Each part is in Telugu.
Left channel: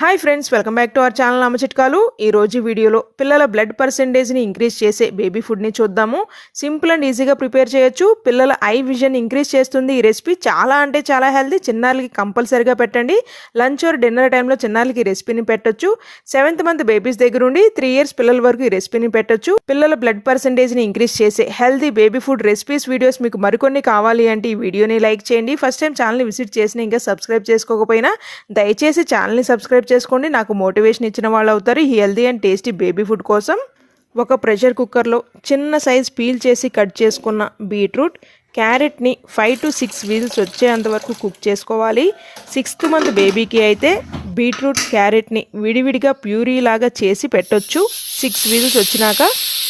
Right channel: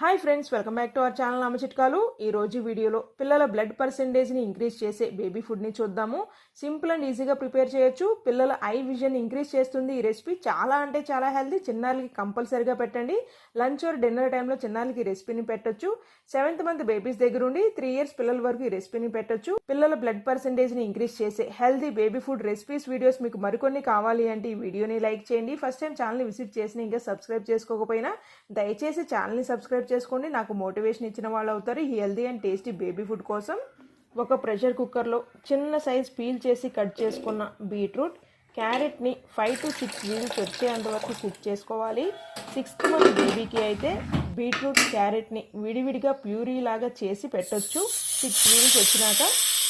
Hi friends, welcome back to our channel అమ్మ చిట్కాలు. ఈరోజు వీడియోలో పిల్లల బ్లడ్ పర్సెంటేజ్ని ఇంక్రీజ్ చేసే బేబీ ఫుడ్ని చూద్దాము. సింపుల్ అండ్ ఈజీగా ప్రిపేర్ చేయొచ్చు. పిల్లల ఐ విజన్ ఇంక్రీజ్ చేస్తుంది ఈ రెసిపీ. చాలా అంటే చాలా హెల్తీ. చిన్నారులకి కంపల్సరీగా పెట్టండి. లంచ్ ఆర్ డిన్నర్ టైంలో చిన్నారులకి ఈ రెసిపీని పెట్టొచ్చు. 7th మంత్ బేబీస్ దగ్గర ఉండి 3 years పిల్లల వరకు ఈ రెసిపీని పెట్టొచ్చు. పిల్లల బ్లడ్ పర్సెంటేజ్ని ఇంక్రీజ్ చేసే healthy baby food recipes videos మీకు మరికొన్ని కావాలి అంటే ఈ వీడియోని లైక్ చేయండి. ఫస్ట్ టైం ఛానల్ని విజిట్ చేసిన ఇంకా సబ్స్క్రైబ్ చేసుకోకపోయినా దయచేసి ఛానల్ని సబ్స్క్రైబ్ చేసుకోండి. నాకు మోటివేషన్ ఇచ్చిన వాళ్ళు అవుతారు ఈ healthy and tasty baby food కోసం. ఒక ప్రెషర్ కుక్కర్లో చిన్న సైజ్ పీల్ చేసి కట్ చేసుకున్న బీట్రూట్, క్యారెట్ని 5 to 6 వీల్స్ వచ్చేంత వరకు కుక్ చేసుకోవాలి. 6th మంత్ బేబీకి అయితే బీట్రూట్, క్యారెట్ని విడివిడిగా ప్యూరీ లాగా చేసి పెట్టొచ్చు. 6 వీల్స్ వచ్చినాక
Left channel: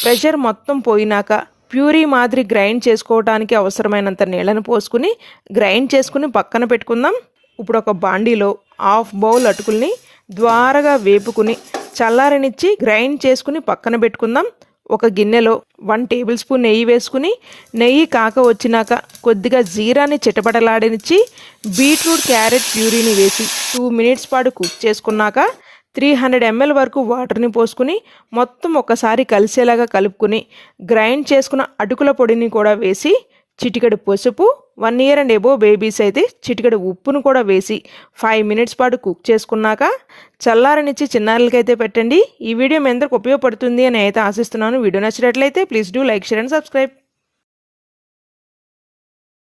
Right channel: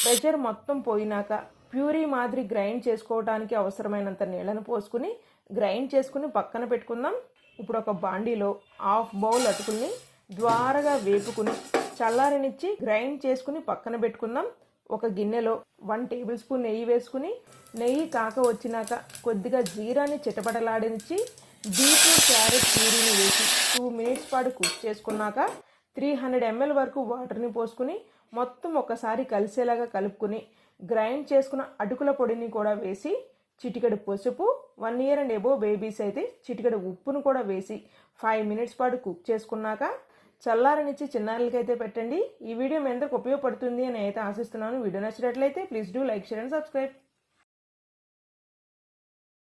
ప్రెషర్ మొత్తం పోయినాక ప్యూరీ మాదిరి గ్రైండ్ చేసుకోవడానికి అవసరమైనంత నీళ్ళను పోసుకుని గ్రైండ్ చేసుకుని పక్కన పెట్టుకుందాం. ఇప్పుడు ఒక బాండీలో 1/2 bowl అటుకుల్ని ద్వారగా వేపుకుని చల్లారనిచ్చి గ్రైండ్ చేసుకుని పక్కన పెట్టుకుందాం. ఒక గిన్నెలో 1 tablespoon నెయ్యి వేసుకుని నెయ్యి కాక వచ్చినాక కొద్దిగా జీరాని చిటపటలాడనిచ్చి బీట్రూట్, క్యారెట్ ప్యూరీని వేసి 2 minutes పాటు కుక్ చేసుకున్నాక 300 ml వరకు వాటర్ని పోసుకుని మొత్తం ఒకసారి కలిసేలాగా కలుపుకుని గ్రైండ్ చేసుకున్న అటుకుల పొడిని కూడా వేసి చిటికెడు పసుపు, 1 year and above బేబీస్ అయితే చిటికెడు ఉప్పును కూడా వేసి 5 minutes పాటు కుక్ చేసుకున్నాక చల్లారనిచ్చి చిన్నారులకైతే పెట్టండి. ఈ వీడియో మీ అందరికి ఉపయోగపడుతుంది అని అయితే ఆశిస్తున్నాను. వీడియో నచ్చినట్లయితే please do like, share and subscribe.